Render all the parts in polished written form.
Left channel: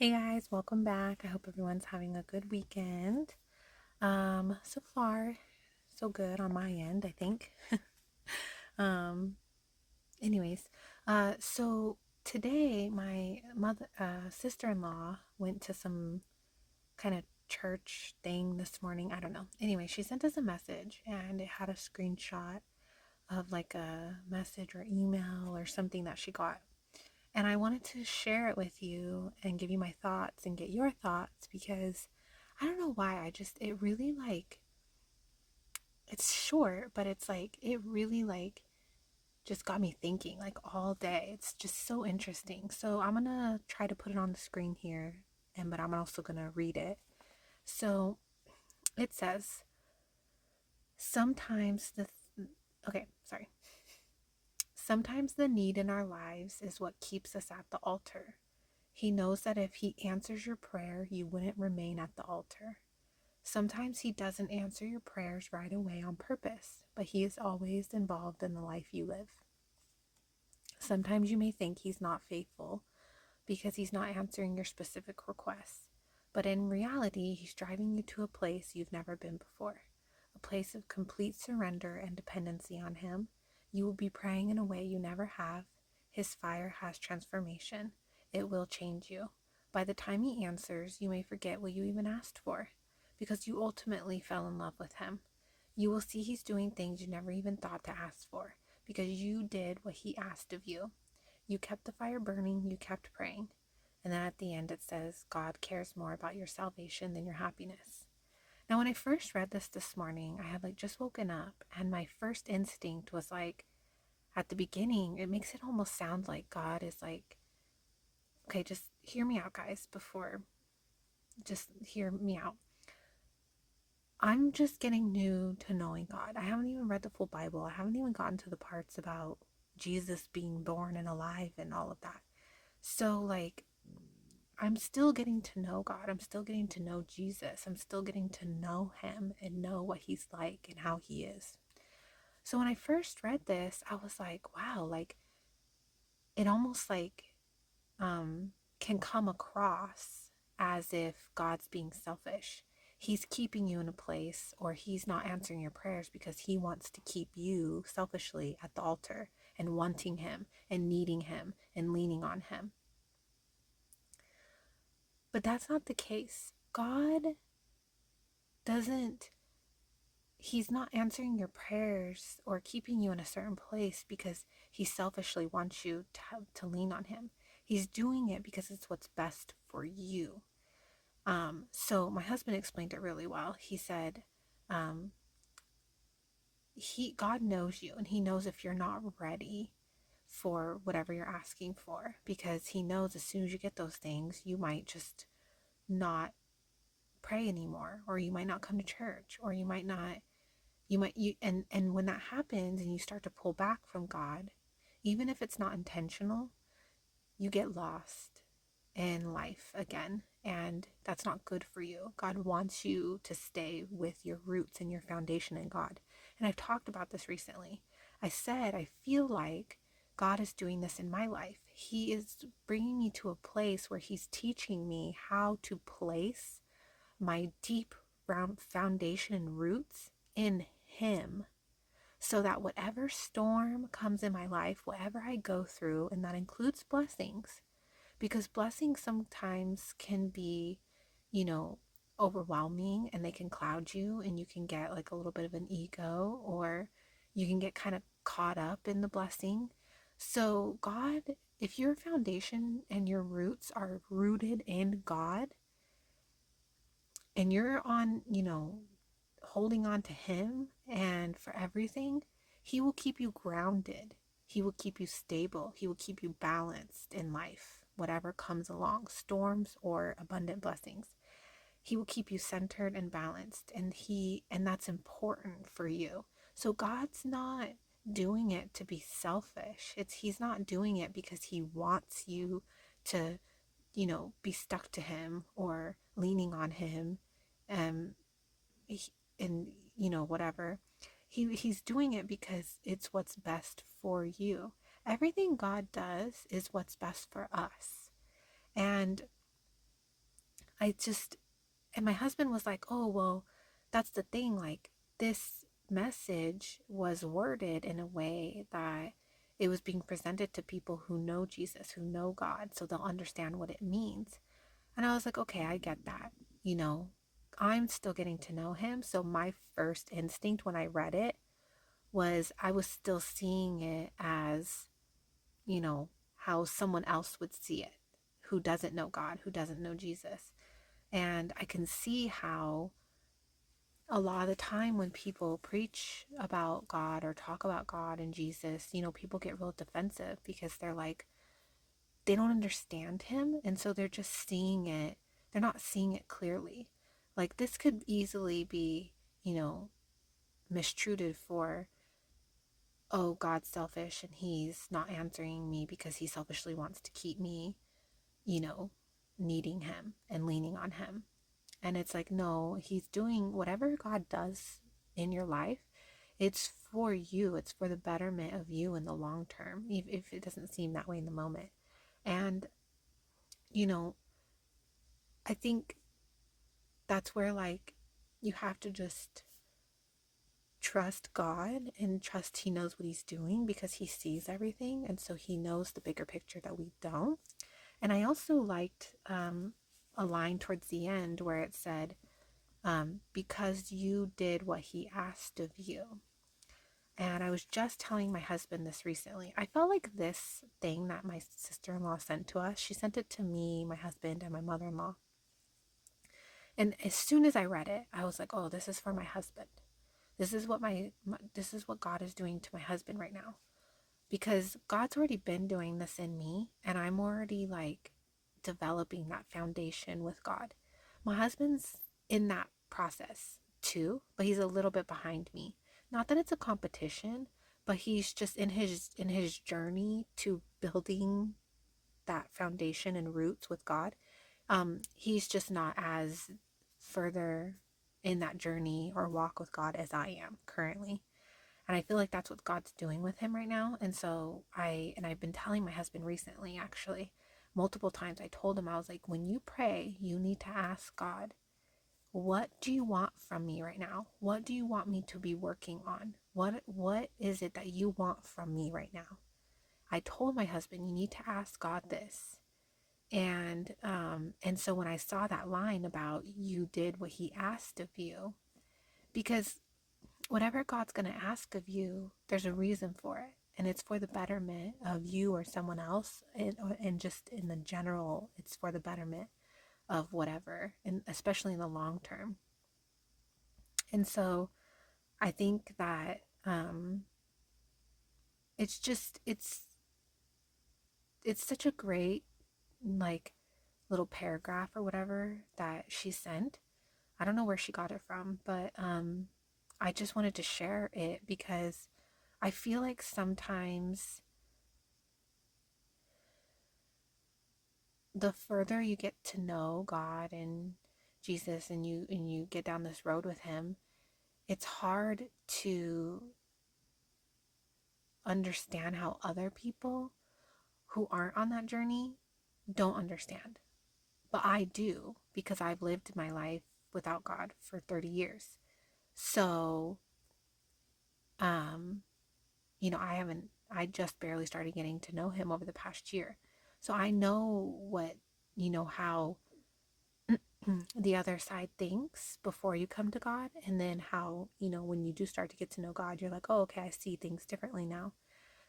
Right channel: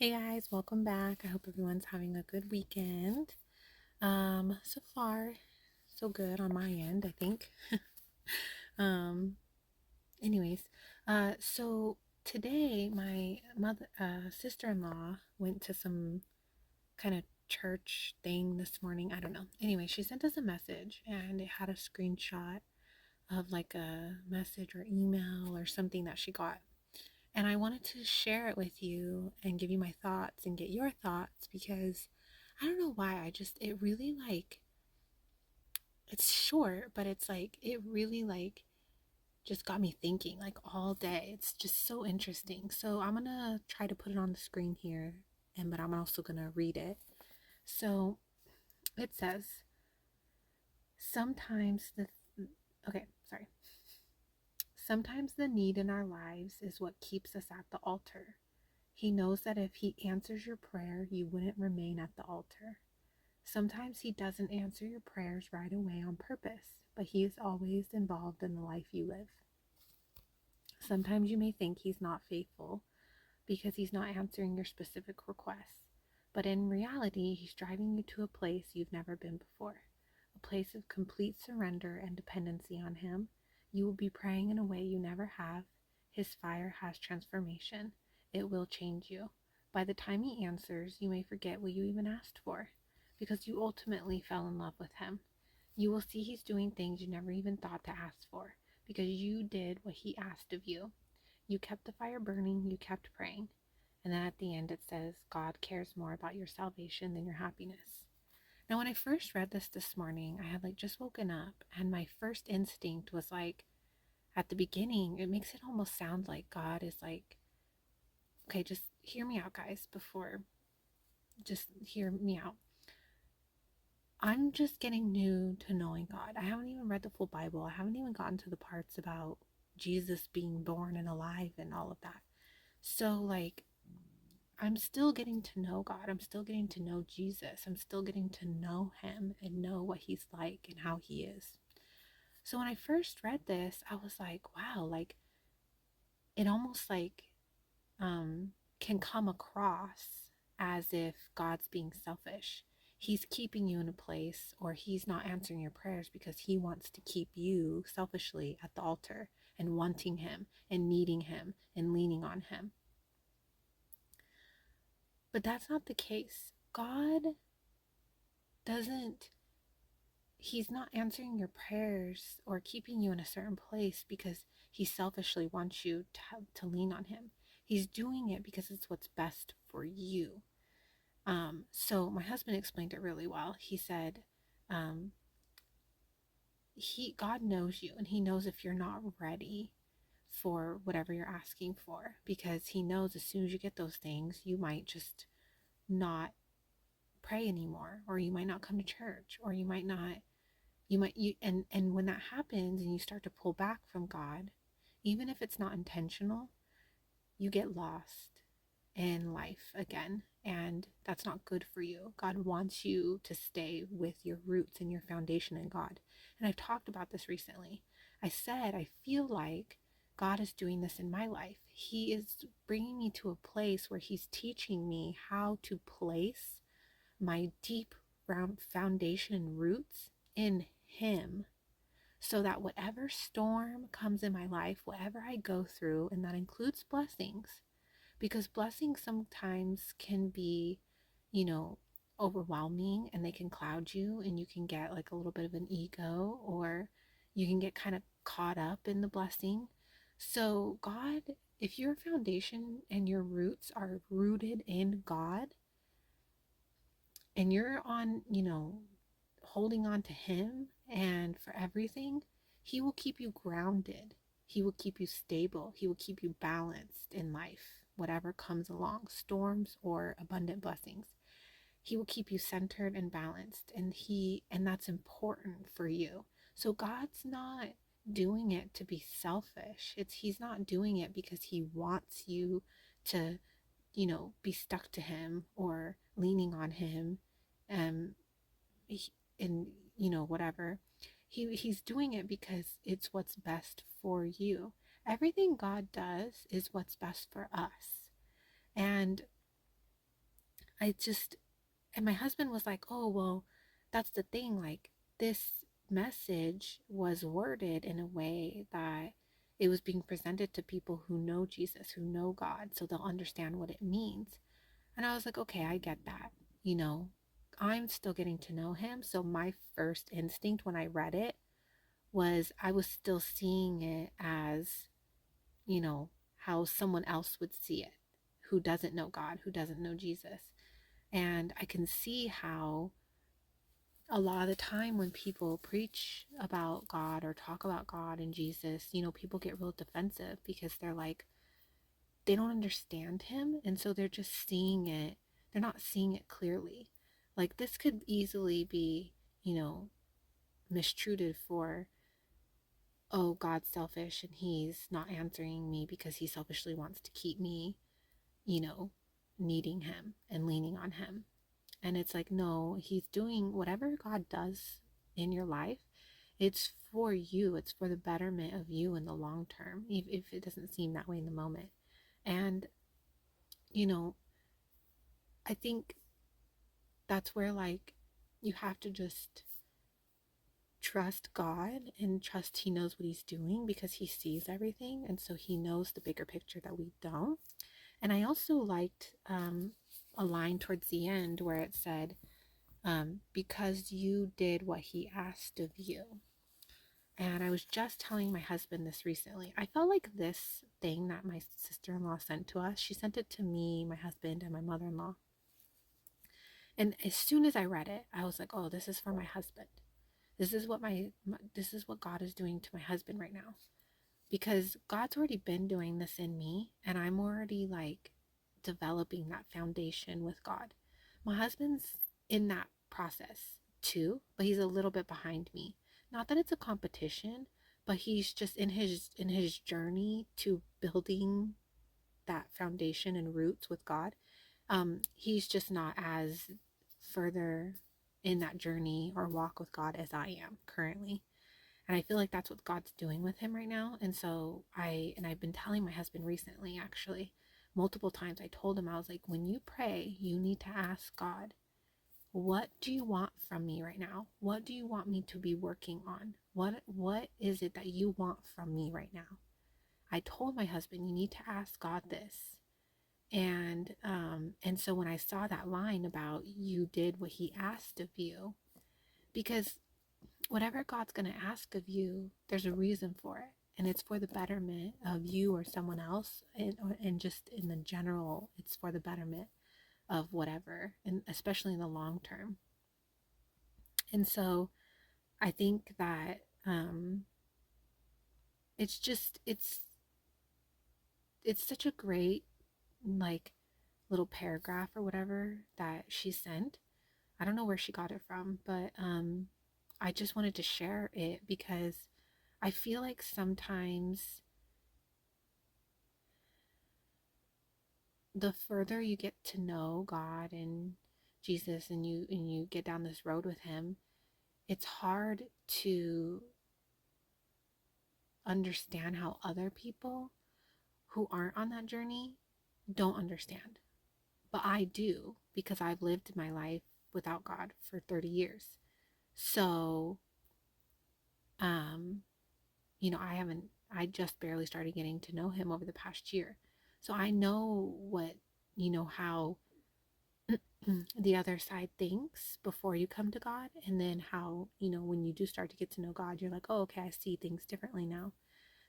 Hey guys, welcome back. I hope everyone's having a good weekend. So far, so good on my end, I think. um, anyways, so today my sister-in-law went to some kind of church thing this morning. I don't know. Anyway, she sent us a message and it had a screenshot of like a message or email or something that she got. And I wanted to share it with you and give you my thoughts and get your thoughts because I don't know why. It really it's short, but it really just got me thinking like all day. It's just so interesting. So I'm going to try to put it on the screen here, but I'm also going to read it. So it says, sometimes okay, sorry. Sometimes the need in our lives is what keeps us at the altar. He knows that if he answers your prayer, you wouldn't remain at the altar. Sometimes he doesn't answer your prayers right away on purpose, but he is always involved in the life you live. Sometimes you may think he's not faithful because he's not answering your specific requests, but in reality, he's driving you to a place you've never been before, a place of complete surrender and dependency on him. You will be praying in a way you never have. His fire has transformation. It will change you. By the time he answers, you may forget what you even asked for, because you ultimately fell in love with him. You will see he's doing things you never even thought to ask for, because you did what he asked of you. You kept the fire burning, you kept praying. And then at the end it says, God cares more about your salvation than your happiness. Now, when I first read this morning, I had just woken up, and my first instinct was at the beginning, it makes it almost sound like God is okay, just hear me out, guys, just hear me out. I'm just getting new to knowing God. I haven't even read the full Bible. I haven't even gotten to the parts about Jesus being born and alive and all of that. So, I'm still getting to know God. I'm still getting to know Jesus. I'm still getting to know him and know what he's like and how he is. So when I first read this, I was like, wow, it almost can come across as if God's being selfish. He's keeping you in a place, or he's not answering your prayers because he wants to keep you selfishly at the altar and wanting him and needing him and leaning on him. But that's not the case. God doesn't, he's not answering your prayers or keeping you in a certain place because he selfishly wants you to lean on him. He's doing it because it's what's best for you. So my husband explained it really well. He said, um, God knows you, and he knows if you're not ready for whatever you're asking for, because he knows as soon as you get those things, you might just not pray anymore, or you might not come to church, or you might not, and when that happens and you start to pull back from God, even if it's not intentional, you get lost in life again, and that's not good for you. God wants you to stay with your roots and your foundation in God. And I've talked about this recently. I said I feel like God is doing this in my life. He is bringing me to a place where he's teaching me how to place my deep round foundation and roots in him, so that whatever storm comes in my life, whatever I go through, and that includes blessings, because blessings sometimes can be, you know, overwhelming, and they can cloud you, and you can get a little bit of an ego, or you can get kind of caught up in the blessing. So God, if your foundation and your roots are rooted in God, and you're on, holding on to him and for everything, he will keep you grounded. He will keep you stable. He will keep you balanced in life, whatever comes along, storms or abundant blessings. He will keep you centered and balanced, and that's important for you. So God's not doing it to be selfish. He's not doing it because he wants you to, be stuck to him or leaning on him, um, and whatever. He's doing it because it's what's best for you. Everything God does is what's best for us. And I just, and my husband was like, oh, well, that's the thing. Like, this message was worded in a way that it was being presented to people who know Jesus, who know God, so they'll understand what it means. And I was like, okay, I get that. You know, I'm still getting to know him. So my first instinct when I read it was I was still seeing it as, you know, how someone else would see it who doesn't know God, who doesn't know Jesus. And I can see how a lot of the time when people preach about God or talk about God and Jesus, you know, people get real defensive because they're like, they don't understand him. And so they're just seeing it, they're not seeing it clearly. Like, this could easily be, you know, mistreated for, oh, God's selfish and he's not answering me because he selfishly wants to keep me, you know, needing him and leaning on him. And it's like, no, he's doing whatever God does in your life. It's for you. It's for the betterment of you in the long term, if it doesn't seem that way in the moment. And, you know, I think that's where, like, you have to just trust God and trust he knows what he's doing because he sees everything. And so he knows the bigger picture that we don't. And I also liked a line towards the end where it said, because you did what he asked of you. And I was just telling my husband this recently. I felt like this thing that my sister-in-law sent to us, she sent it to me, my husband, and my mother-in-law. And as soon as I read it, I was like, oh, this is for my husband. This is what this is what God is doing to my husband right now. Because God's already been doing this in me, and I'm already like developing that foundation with God. My husband's in that process too, but he's a little bit behind me. Not that it's a competition, but he's just in his journey to building that foundation and roots with God. He's just not as further in that journey or walk with God as I am currently. And I feel like that's what God's doing with him right now. And so I've been telling my husband recently, actually, multiple times. I told him, I was like, when you pray, you need to ask God, what do you want from me right now? What do you want me to be working on? What is it that you want from me right now? I told my husband, you need to ask God this. And so when I saw that line about you did what he asked of you, because whatever God's going to ask of you, there's a reason for it. And it's for the betterment of you or someone else. And just in the general, it's for the betterment of whatever, and especially in the long term. And so I think that it's just, it's such a great, like, little paragraph or whatever that she sent. I don't know where she got it from, but I just wanted to share it because I feel like sometimes the further you get to know God and Jesus and you get down this road with him, it's hard to understand how other people who aren't on that journey don't understand. But I do because I've lived my life without God for 30 years. So, um, I just barely started getting to know him over the past year. So I know how the other side thinks before you come to God, and then how, when you do start to get to know God, you're like, oh, okay, I see things differently now.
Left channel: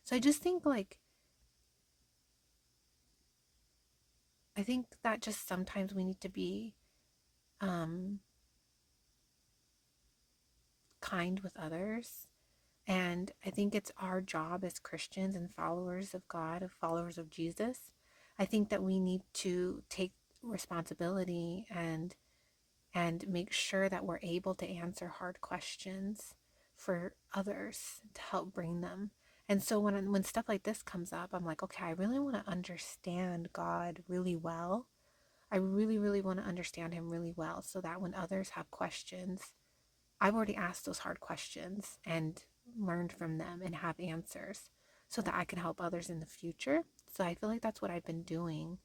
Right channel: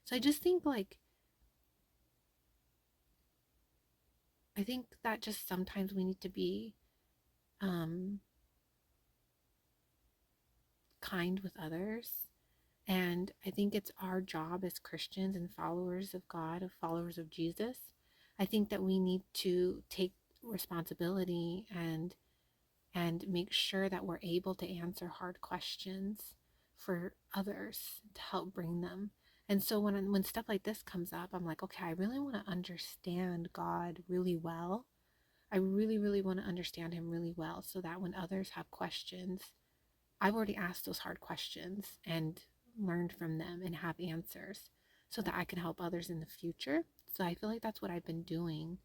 So I just think, like, I think that just sometimes we need to be um, kind with others. And I think it's our job as Christians and followers of God, of followers of Jesus. I think that we need to take responsibility and make sure that we're able to answer hard questions for others to help bring them. And so when stuff like this comes up, I'm like, okay, I really want to understand God really well. I really, really want to understand him really well so that when others have questions, I've already asked those hard questions and learned from them and have answers so that I can help others in the future. So I feel like that's what I've been doing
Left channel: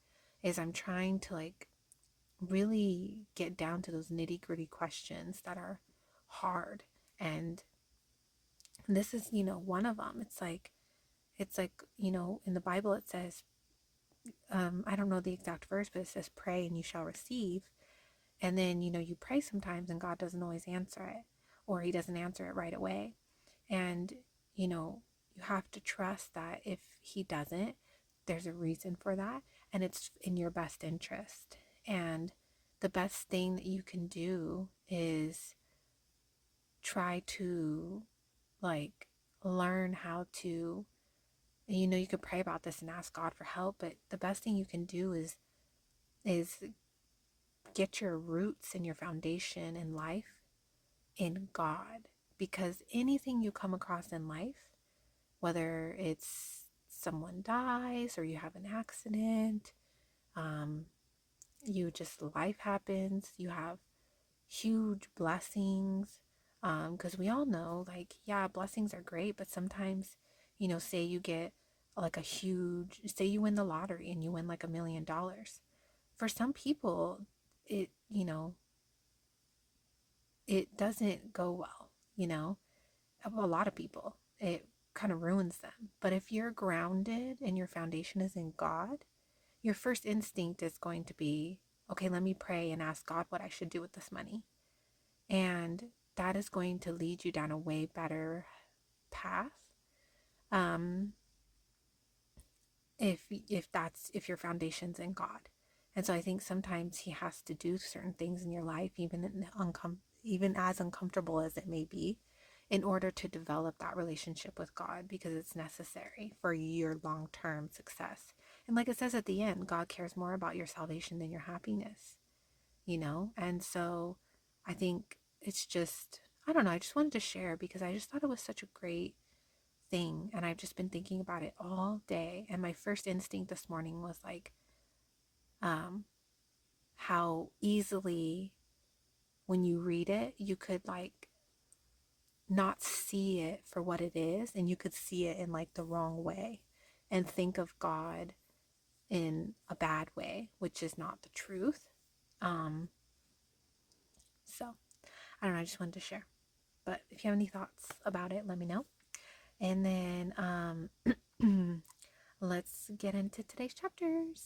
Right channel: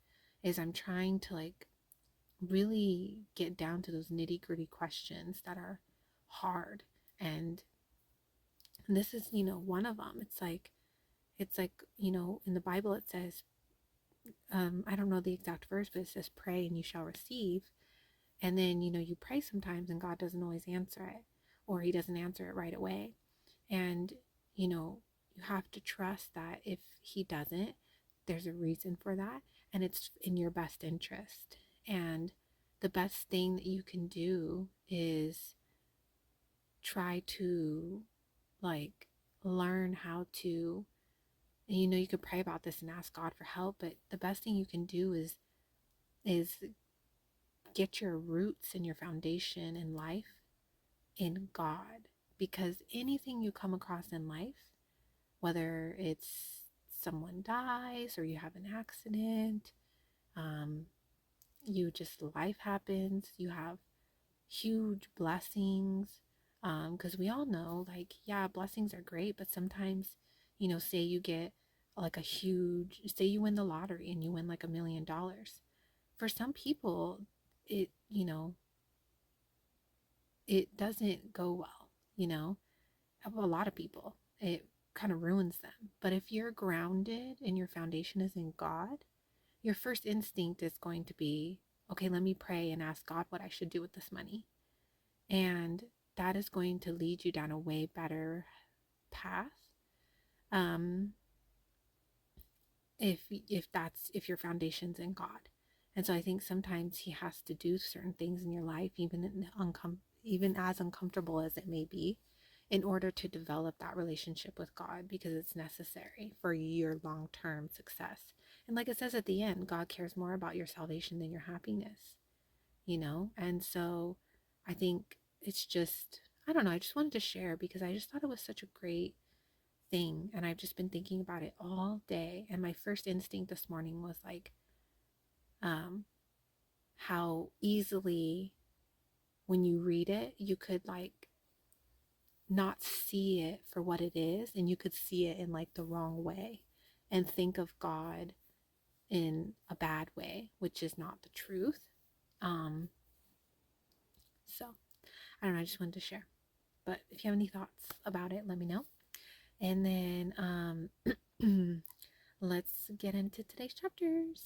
is I'm trying to, like, really get down to those nitty-gritty questions that are hard. And this is, one of them. It's like, in the Bible it says, I don't know the exact verse, but it says, pray and you shall receive. And then, you pray sometimes and God doesn't always answer it, or he doesn't answer it right away. And, you have to trust that if he doesn't, there's a reason for that, and it's in your best interest. And the best thing that you can do is try to, like, learn how to, you could pray about this and ask God for help, but the best thing you can do is get your roots and your foundation in life in God. Because anything you come across in life, whether it's someone dies or you have an accident, life happens, you have huge blessings. Because we all know, like, yeah, blessings are great, but sometimes, say you get like say you win the lottery and you win like $1 million. For some people, it, it doesn't go well, a lot of people. It kind of ruins them. But if you're grounded and your foundation is in God, your first instinct is going to be, okay, let me pray and ask God what I should do with this money. And that is going to lead you down a way better path. Um, if your foundation's in God. And so I think sometimes he has to do certain things in your life, even as uncomfortable as it may be, in order to develop that relationship with God, because it's necessary for your long-term success. And like it says at the end, God cares more about your salvation than your happiness, And so I think it's just, I don't know, I just wanted to share because I just thought it was such a great thing, and I've just been thinking about it all day. And my first instinct this morning was like, how easily when you read it, you could like not see it for what it is, and you could see it in like the wrong way and think of God in a bad way, which is not the truth. So I don't know, I just wanted to share. But if you have any thoughts about it, let me know. And then let's get into today's chapters.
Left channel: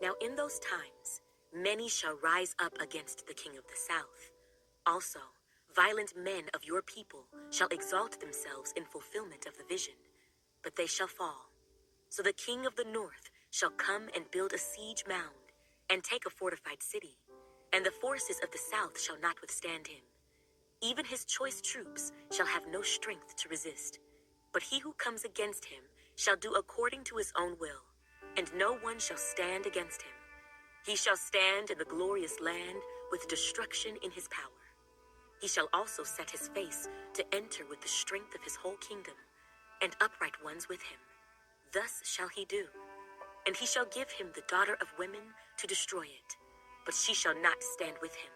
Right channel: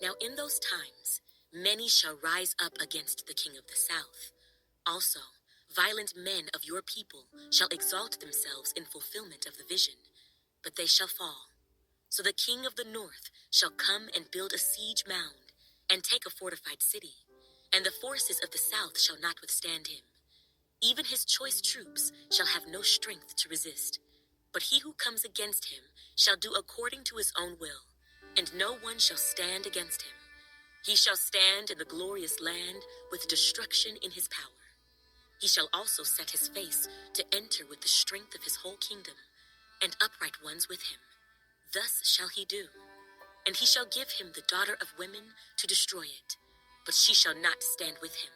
Now in those times, many shall rise up against the king of the south. Also, violent men of your people shall exalt themselves in fulfillment of the vision, but they shall fall. So the king of the north shall come and build a siege mound and take a fortified city, and the forces of the south shall not withstand him. Even his choice troops shall have no strength to resist. But he who comes against him shall do according to his own will, and no one shall stand against him. He shall stand in the glorious land with destruction in his power. He shall also set his face to enter with the strength of his whole kingdom, and upright ones with him. Thus shall he do. And he shall give him the daughter of women to destroy it, but she shall not stand with him,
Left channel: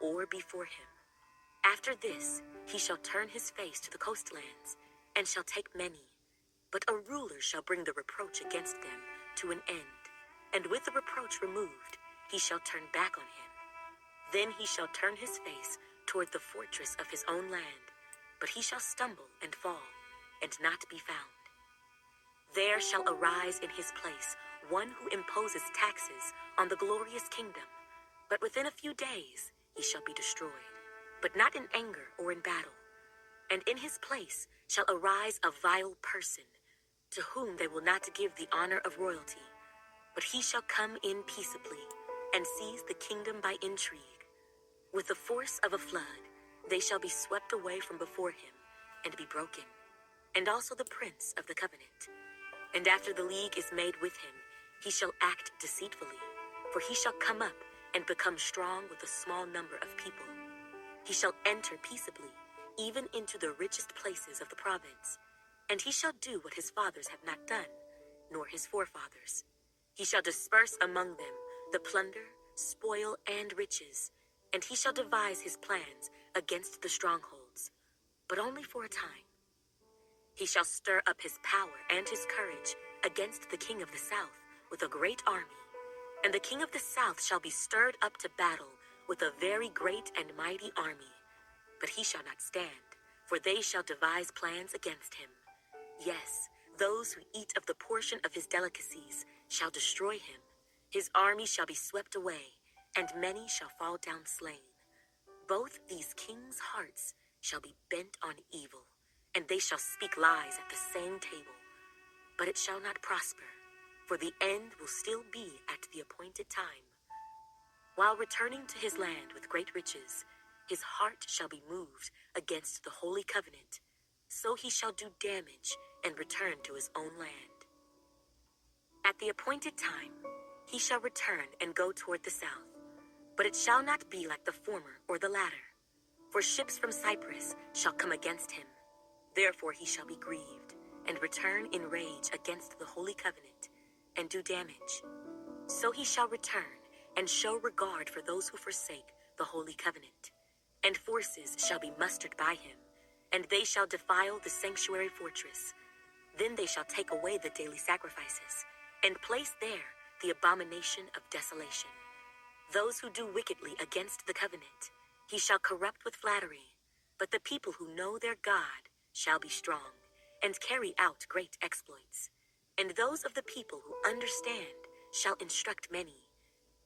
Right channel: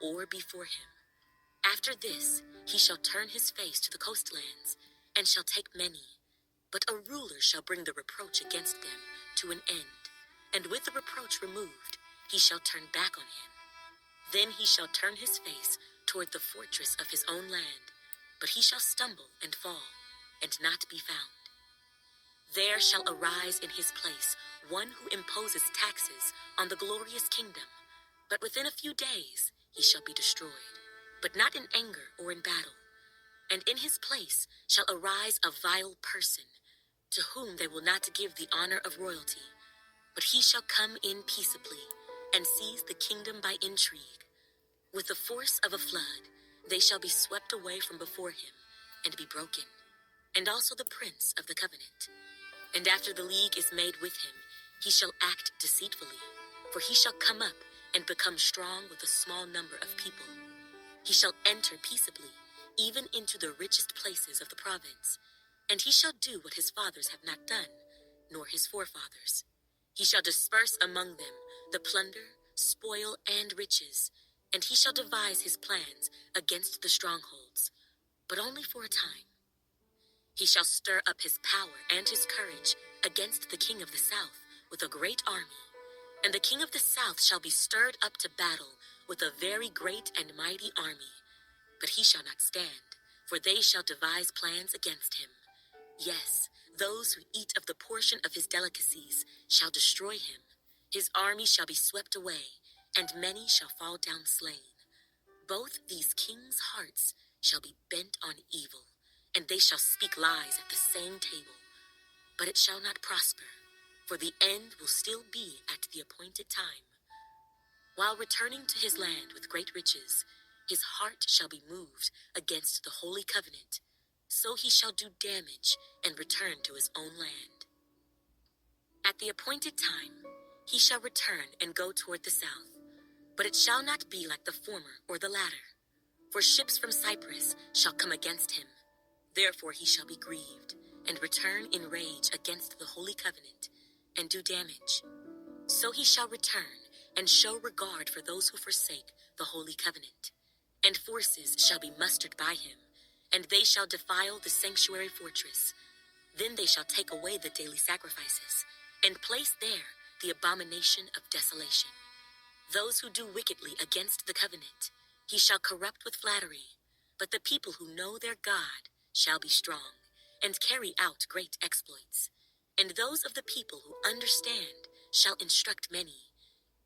or before him. After this, he shall turn his face to the coastlands, and shall take many. But a ruler shall bring the reproach against them to an end, and with the reproach removed, he shall turn back on him. Then he shall turn his face toward the fortress of his own land, but he shall stumble and fall, and not be found. There shall arise in his place one who imposes taxes on the glorious kingdom, but within a few days he shall be destroyed, but not in anger or in battle. And in his place shall arise a vile person, to whom they will not give the honor of royalty, but he shall come in peaceably, and seize the kingdom by intrigue. With the force of a flood, they shall be swept away from before him, and be broken, and also the prince of the covenant. And after the league is made with him, he shall act deceitfully, for he shall come up and become strong with a small number of people. He shall enter peaceably, even into the richest places of the province, and he shall do what his fathers have not done, nor his forefathers. He shall disperse among them the plunder, spoil, and riches, and he shall devise his plans against the strongholds, but only for a time. He shall stir up his power and his courage against the king of the south with a great army, And the king of the south shall be stirred up to battle with a very great and mighty army. But he shall not stand, for they shall devise plans against him. Yes, those who eat of the portion of his delicacies shall destroy him. His army shall be swept away, and many shall fall down slain. Both these kings' hearts shall be bent on evil, and they shall speak lies at the same table. But it shall not prosper, for the end will still be at the appointed time. While returning to his land with great riches, his heart shall be moved against the holy covenant. So he shall do damage and return to his own land. At the appointed time, he shall return and go toward the south. But it shall not be like the former or the latter. For ships from Cyprus shall come against him. Therefore he shall be grieved, and return in rage against the holy covenant, and do damage. So he shall return, and show regard for those who forsake the holy covenant. And forces shall be mustered by him, and they shall defile the sanctuary fortress. Then they shall take away the daily sacrifices, and place there the abomination of desolation. Those who do wickedly against the covenant, he shall corrupt with flattery. But the people who know their God shall be strong, and carry out great exploits. And those of the people who understand shall instruct many.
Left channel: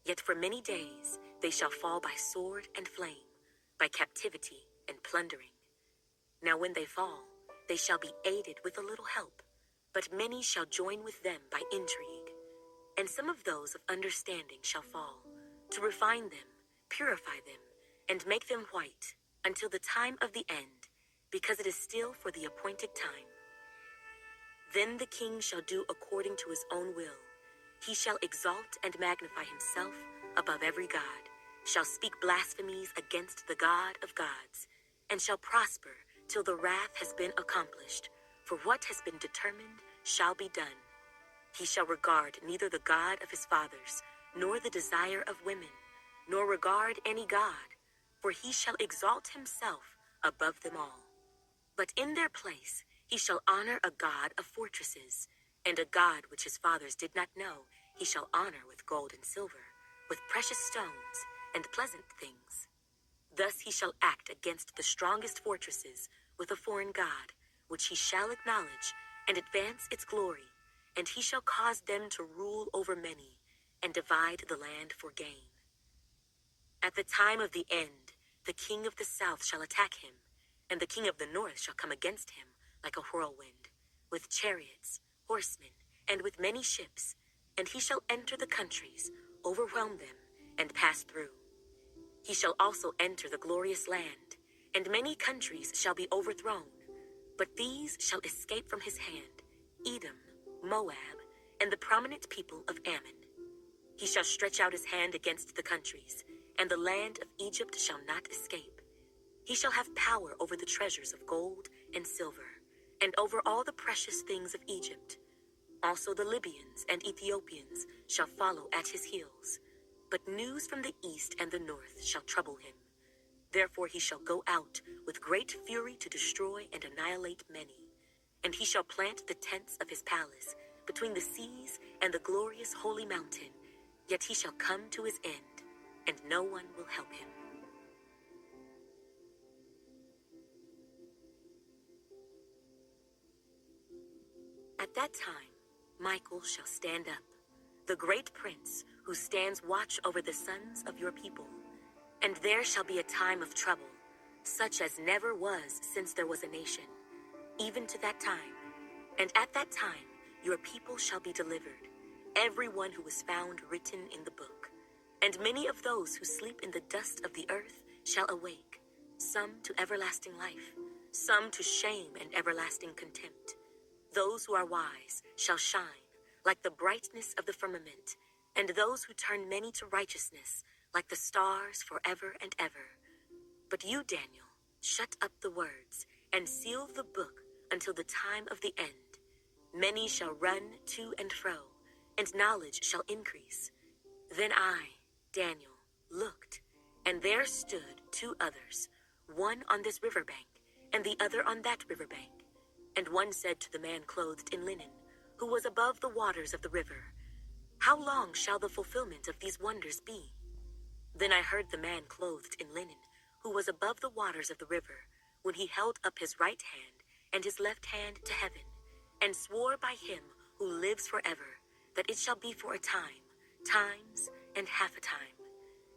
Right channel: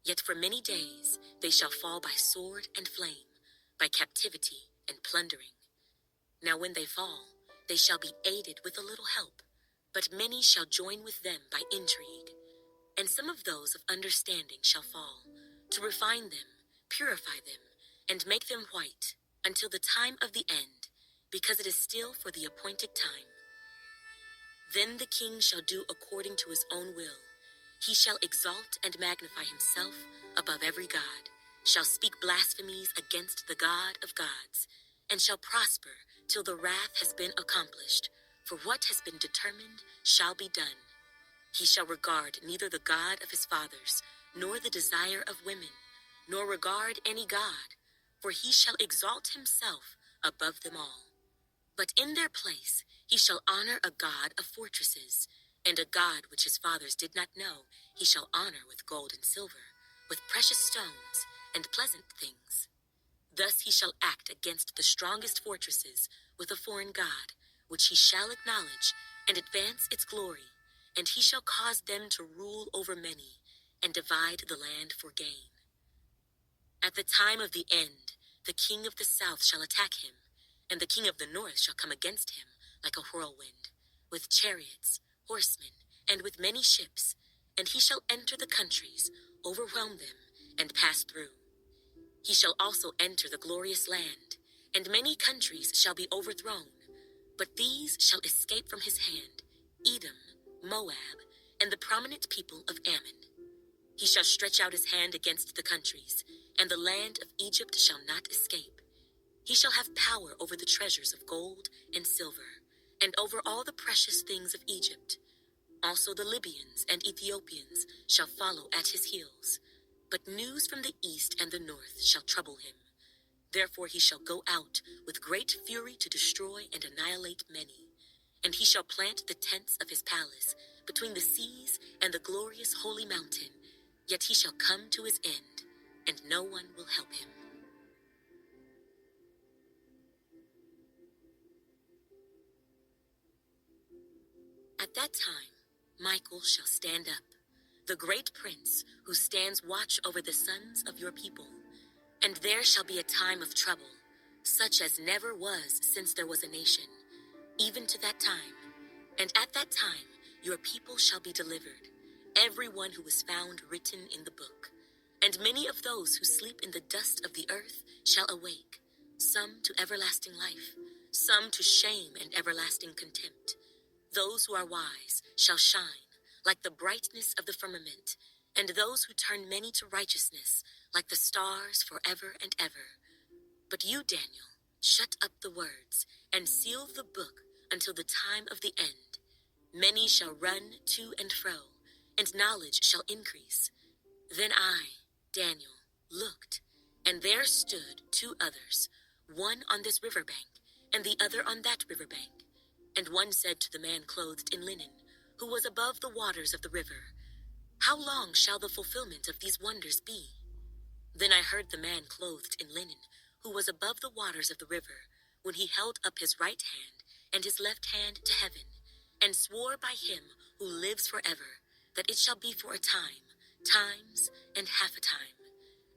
Yet for many days they shall fall by sword and flame, by captivity and plundering. Now when they fall, they shall be aided with a little help, but many shall join with them by intrigue. And some of those of understanding shall fall, to refine them, purify them, and make them white, until the time of the end, because it is still for the appointed time. Then the king shall do according to his own will. He shall exalt and magnify himself above every god, shall speak blasphemies against the God of gods, and shall prosper till the wrath has been accomplished, for what has been determined shall be done. He shall regard neither the God of his fathers, nor the desire of women, nor regard any God, for he shall exalt himself above them all. But in their place he shall honor a God of fortresses, and a God which his fathers did not know he shall honor with gold and silver, with precious stones and pleasant things. Thus he shall act against the strongest fortresses with a foreign God, which he shall acknowledge and advance its glory, and he shall cause them to rule over many, and divide the land for gain. At the time of the end, the king of the south shall attack him, and the king of the north shall come against him like a whirlwind, with chariots, horsemen, and with many ships, and he shall enter the countries, overwhelm them, and pass through. He shall also enter the glorious land, and many countries shall be overthrown, but these shall escape from his hand: Edom, Moab, and the prominent people of Ammon. He shall stretch out his hand against the countries, and the land of Egypt shall not escape. He shall have power over the treasures of gold and silver, and over all the precious things of Egypt. Also the Libyans and Ethiopians shall follow at his heels. But news from the east and the north shall trouble him. Therefore he shall go out with great fury to destroy and annihilate many. And he shall plant the tents of his palace between the seas and the glorious holy mountain. Yet he shall come to his end, and no one will help him. At that time, Michael shall stand up, the great prince who stands watch over the sons of your people. And there shall be a time of trouble, such as never was since there was a nation, even to that time. And at that time your people shall be delivered, every one who is found written in the book. And many of those who sleep in the dust of the earth shall awake, some to everlasting life, some to shame and everlasting contempt. Those who are wise shall shine like the brightness of the firmament, and those who turn many to righteousness like the stars forever and ever. But you, Daniel, shut up the words and seal the book until the time of the end. Many shall run to and fro, and knowledge shall increase. Then I, Daniel, looked, and there stood two others, one on this river bank, and the other on that river bank. And one said to the man clothed in linen, who was above the waters of the river, How long shall the fulfillment of these wonders be? Then I heard the man clothed in linen, who was above the waters of the river, when he held up his right hand and his left hand to heaven, and swore by him who lives forever, that it shall be for a time, times, and half a time.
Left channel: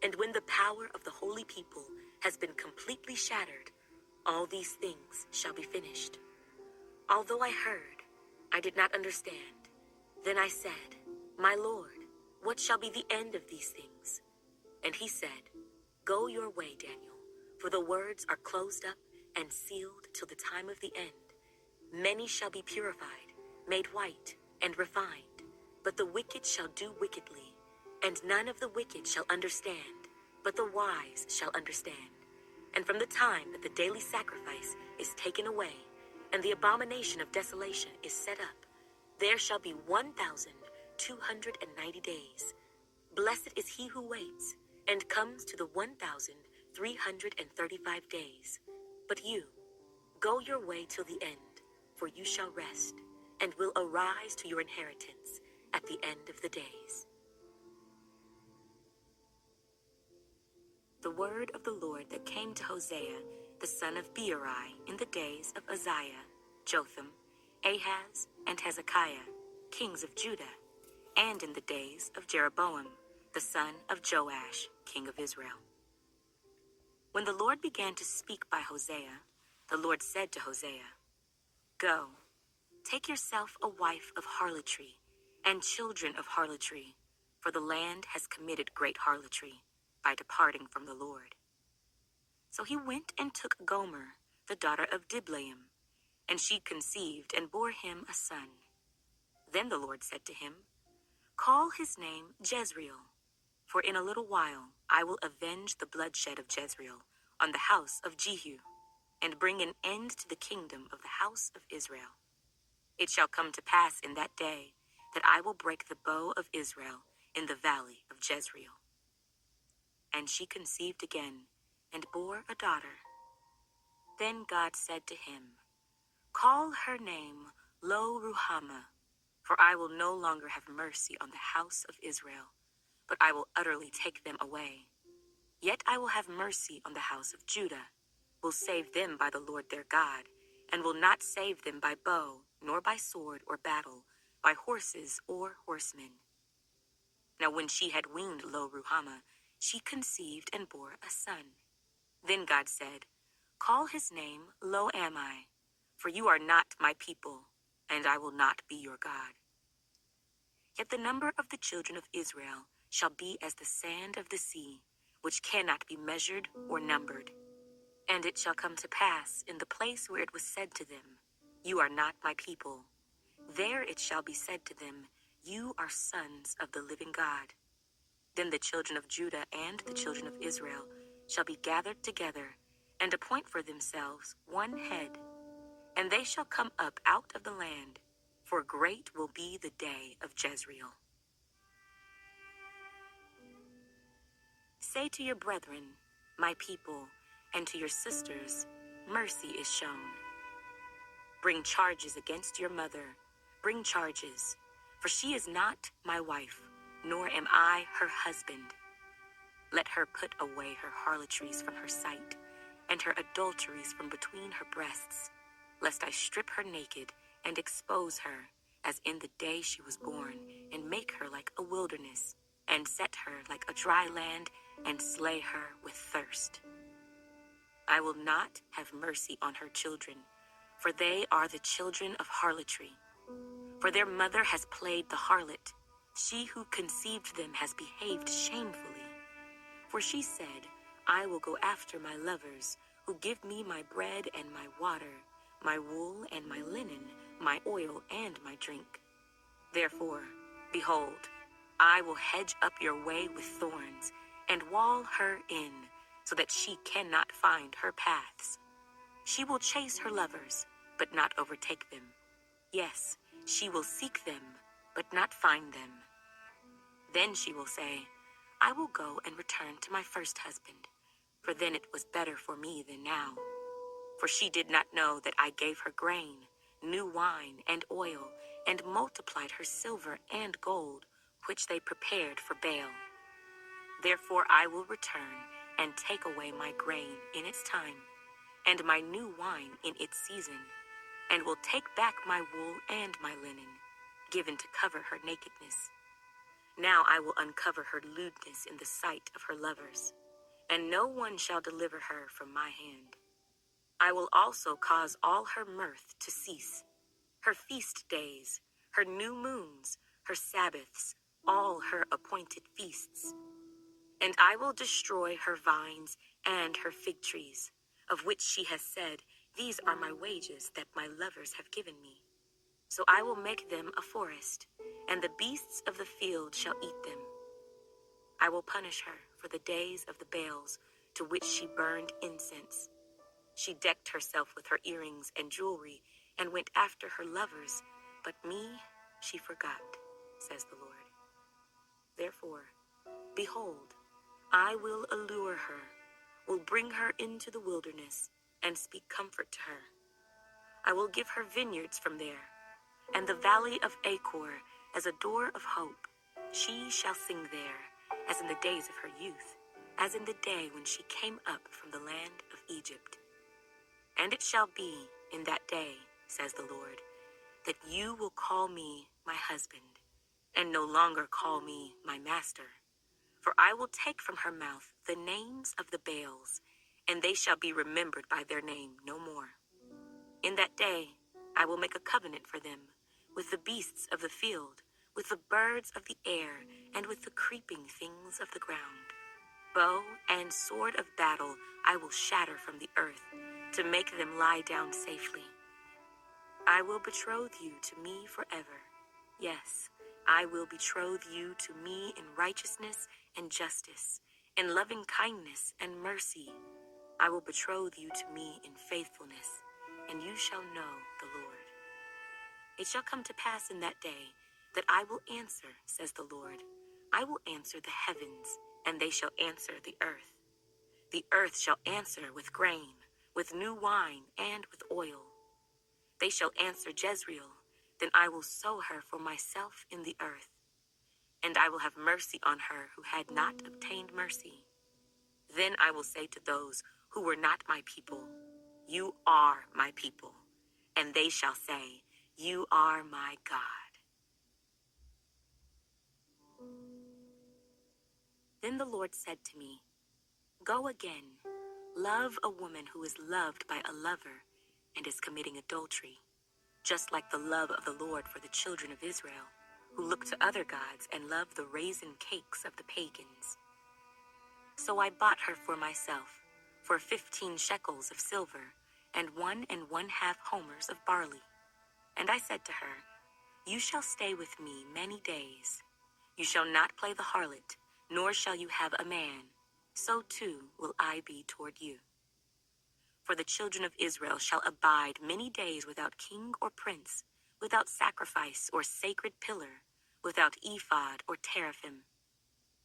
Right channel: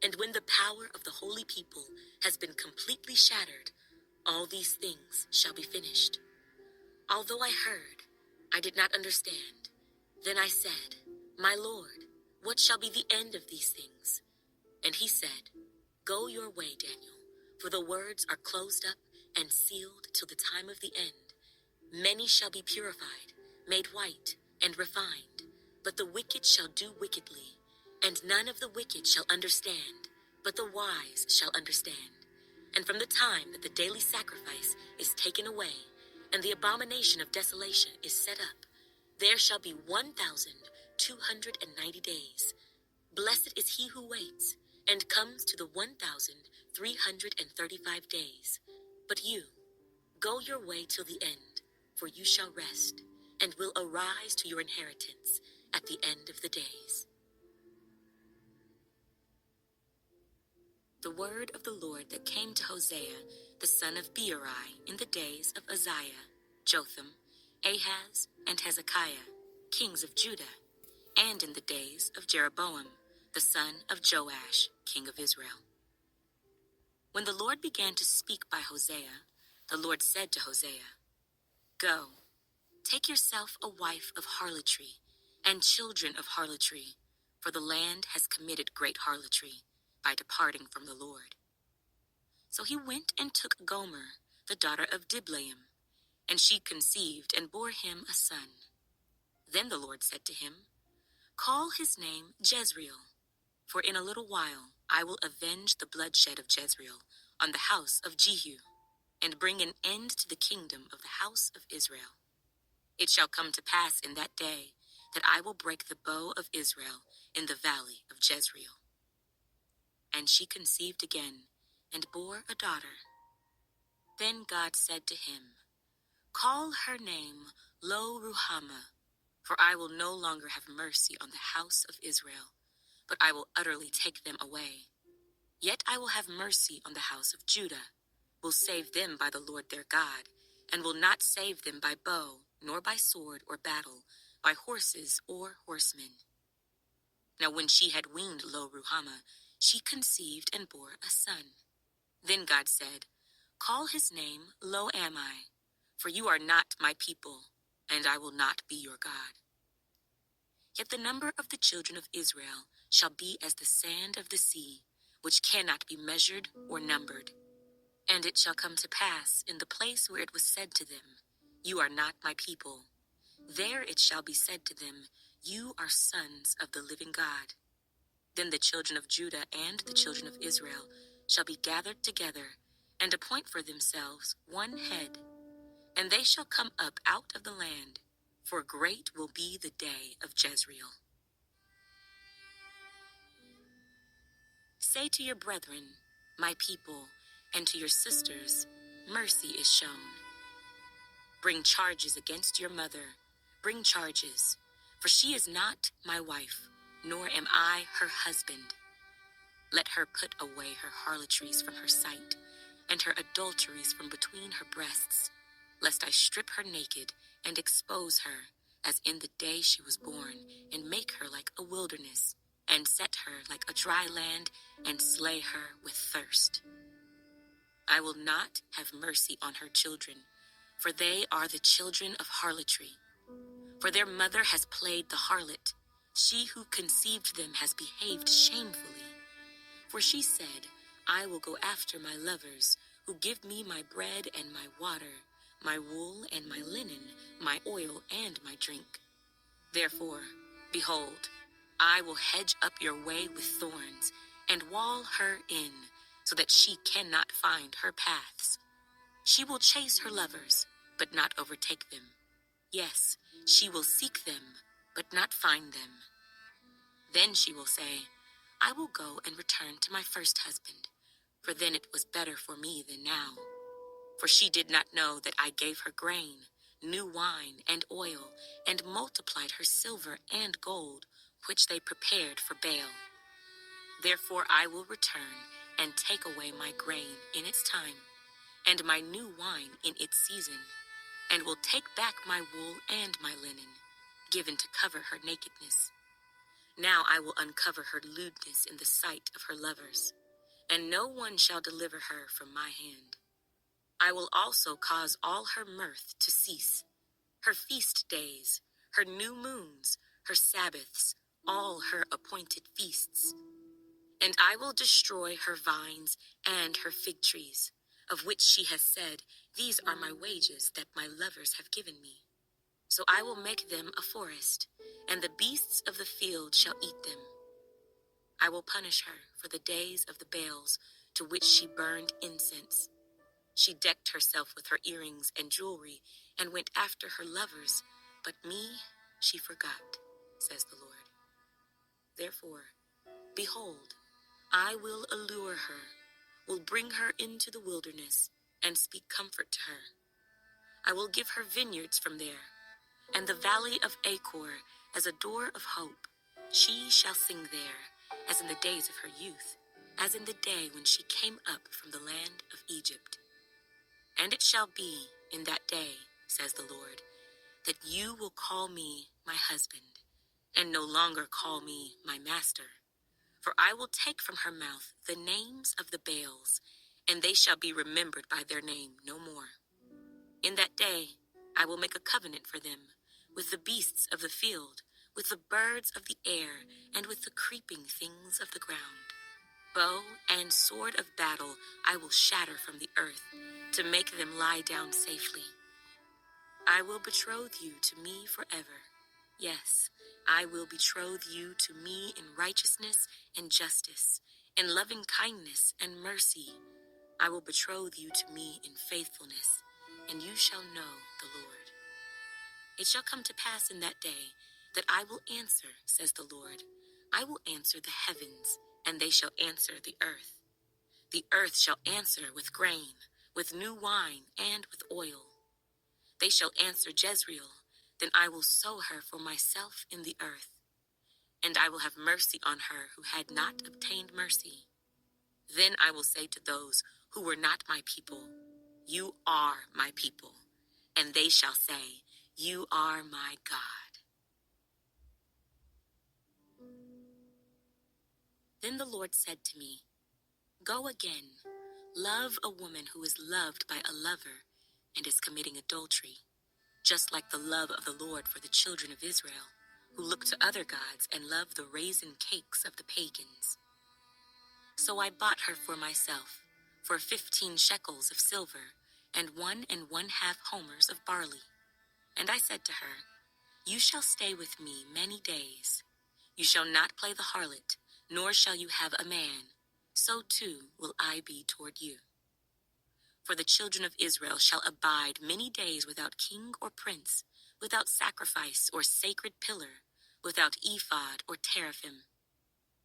And when the power of the holy people has been completely shattered, all these things shall be finished. Although I heard, I did not understand. Then I said, My Lord, what shall be the end of these things? And he said, Go your way, Daniel, for the words are closed up and sealed till the time of the end. Many shall be purified, made white, and refined, but the wicked shall do wickedly, and none of the wicked shall understand, but the wise shall understand. And from the time that the daily sacrifice is taken away, and the abomination of desolation is set up, there shall be 1,290 days. Blessed is he who waits, and comes to the 1,335 days. But you, go your way till the end, for you shall rest, and will arise to your inheritance at the end of the days. The word of the Lord that came to Hosea, the son of Beeri, in the days of Uzziah, Jotham, Ahaz, and Hezekiah, kings of Judah, and in the days of Jeroboam, the son of Joash, king of Israel. When the Lord began to speak by Hosea, the Lord said to Hosea, Go, take yourself a wife of harlotry, and children of harlotry, for the land has committed great harlotry by departing from the Lord. So he went and took Gomer, the daughter of Diblaim, and she conceived and bore him a son. Then the Lord said to him, Call his name Jezreel, for in a little while I will avenge the bloodshed of Jezreel on the house of Jehu, and bring an end to the kingdom of the house of Israel. It shall come to pass in that day that I will break the bow of Israel in the valley of Jezreel. And she conceived again, and bore a daughter. Then God said to him, Call her name Lo-Ruhamah, for I will no longer have mercy on the house of Israel, but I will utterly take them away. Yet I will have mercy on the house of Judah, will save them by the Lord their God, and will not save them by bow, nor by sword or battle, by horses or horsemen. Now when she had weaned Lo-Ruhamah, she conceived and bore a son. Then God said, Call his name Lo-Ammi, for you are not my people, and I will not be your God. Yet the number of the children of Israel shall be as the sand of the sea, which cannot be measured or numbered. And it shall come to pass in the place where it was said to them, You are not my people, there it shall be said to them, You are sons of the living God. Then the children of Judah and the children of Israel shall be gathered together, and appoint for themselves one head, and they shall come up out of the land, for great will be the day of Jezreel. Say to your brethren, my people, and to your sisters, mercy is shown. Bring charges against your mother, bring charges, for she is not my wife, nor am I her husband. Let her put away her harlotries from her sight, and her adulteries from between her breasts, lest I strip her naked and expose her, as in the day she was born, and make her like a wilderness, and set her like a dry land, and slay her with thirst. I will not have mercy on her children, for they are the children of harlotry. For their mother has played the harlot. She who conceived them has behaved shamefully. For she said, I will go after my lovers, who give me my bread and my water, my wool and my linen, my oil and my drink. Therefore, behold, I will hedge up your way with thorns, and wall her in, so that she cannot find her paths. She will chase her lovers, but not overtake them. Yes, she will seek them, but not find them. Then she will say, I will go and return to my first husband, for then it was better for me than now. For she did not know that I gave her grain, new wine, and oil, and multiplied her silver and gold, which they prepared for Baal. Therefore I will return and take away my grain in its time, and my new wine in its season, and will take back my wool and my linen, given to cover her nakedness. Now I will uncover her lewdness in the sight of her lovers, and no one shall deliver her from my hand. I will also cause all her mirth to cease, her feast days, her new moons, her Sabbaths, all her appointed feasts. And I will destroy her vines and her fig trees, of which she has said, These are my wages that my lovers have given me. So I will make them a forest, and the beasts of the field shall eat them. I will punish her for the days of the Baals to which she burned incense. She decked herself with her earrings and jewelry and went after her lovers, but me she forgot, says the Lord. Therefore, behold, I will allure her, will bring her into the wilderness, and speak comfort to her. I will give her vineyards from there, and the valley of Achor as a door of hope. She shall sing there, as in the days of her youth, as in the day when she came up from the land of Egypt. And it shall be in that day, says the Lord, that you will call me my husband, and no longer call me my master. For I will take from her mouth the names of the Baals, and they shall be remembered by their name no more. In that day I will make a covenant for them with the beasts of the field, with the birds of the air, and with the creeping things of the ground. Bow and sword of battle I will shatter from the earth, to make them lie down safely. I will betroth you to me forever. Yes, I will betroth you to me in righteousness and justice, in loving kindness and mercy. I will betroth you to me in faithfulness, and you shall know the Lord. It shall come to pass in that day that I will answer, says the Lord. I will answer the heavens, and they shall answer the earth. The earth shall answer with grain, with new wine, and with oil. They shall answer Jezreel, then I will sow her for myself in the earth, and I will have mercy on her who had not obtained mercy. Then I will say to those who were not my people, You are my people, and they shall say, You are my God. Then the Lord said to me, Go again, love a woman who is loved by a lover and is committing adultery, just like the love of the Lord for the children of Israel, who look to other gods and love the raisin cakes of the pagans. So I bought her for myself, for 15 shekels of silver, and 1½ homers of barley. And I said to her, You shall stay with me many days. You shall not play the harlot, nor shall you have a man. So too will I be toward you. For the children of Israel shall abide many days without king or prince, without sacrifice or sacred pillar, without ephod or teraphim.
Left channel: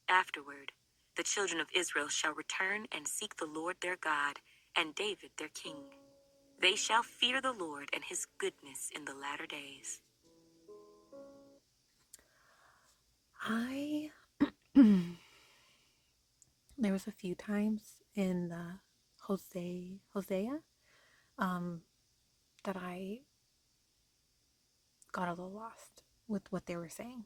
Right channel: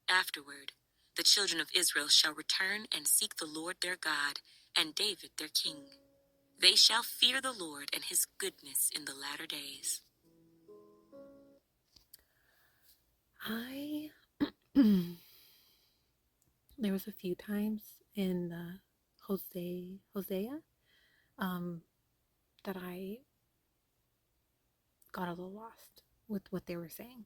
Afterward, the children of Israel shall return and seek the Lord their God and David their king. They shall fear the Lord and his goodness in the latter days. I there was a few times in the Hosea that I got a little lost with what they were saying.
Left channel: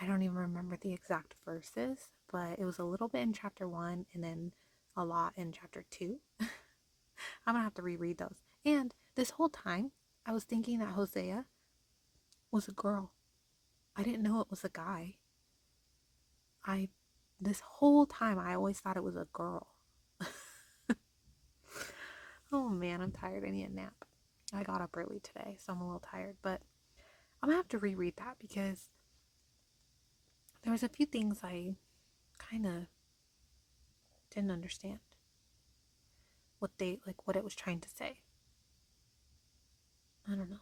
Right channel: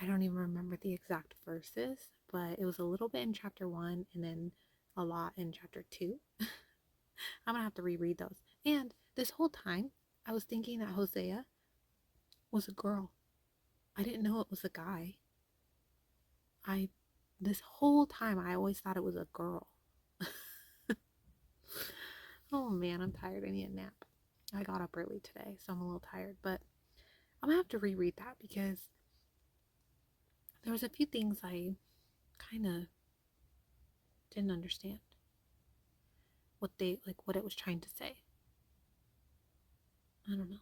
I don't even remember the exact verses, but it was a little bit in chapter 1 and then a lot in chapter 2. I'm gonna have to reread those. And this whole time, I was thinking that Hosea was a girl. I didn't know it was a guy. I this whole time I always thought it was a girl. Oh man, I'm tired. I need a nap. I got up early today, so I'm a little tired, but I'm gonna have to reread that because there was a few things I kind of didn't understand what it was trying to say. I don't know.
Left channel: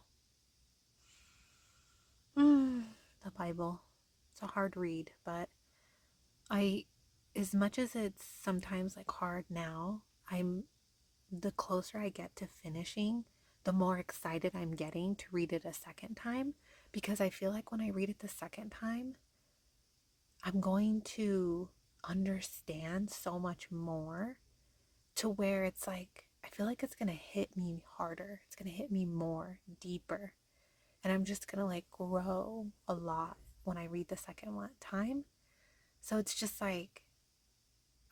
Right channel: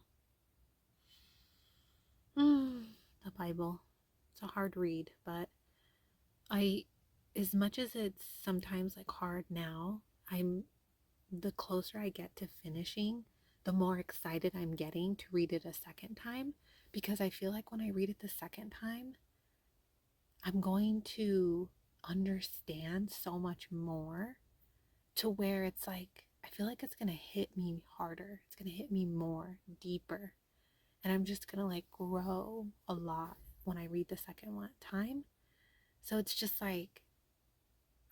The Bible. It's a hard read, but I as much as it's sometimes like hard now, I'm the closer I get to finishing, the more excited I'm getting to read it a second time because I feel like when I read it the second time, I'm going to understand so much more to where it's like, I feel like it's going to hit me harder. It's going to hit me more deeper. And I'm just going to like grow a lot when I read the second one time. So it's just like,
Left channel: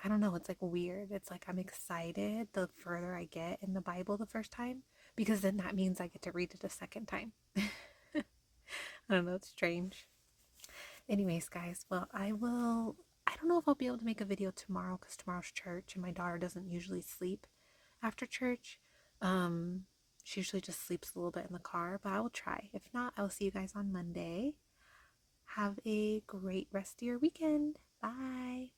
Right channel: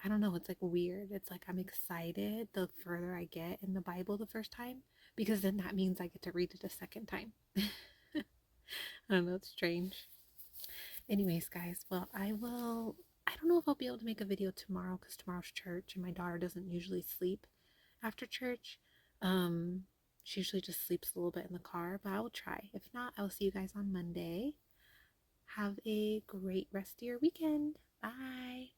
I don't know, it's like weird. It's like I'm excited the further I get in the Bible the first time because then that means I get to read it a second time. I don't know, it's strange. Anyways, guys, well, I don't know if I'll be able to make a video tomorrow because tomorrow's church and my daughter doesn't usually sleep after church. Um, she usually just sleeps a little bit in the car, but I will try. If not, I will see you guys on Monday. Have a great rest of your weekend. Bye.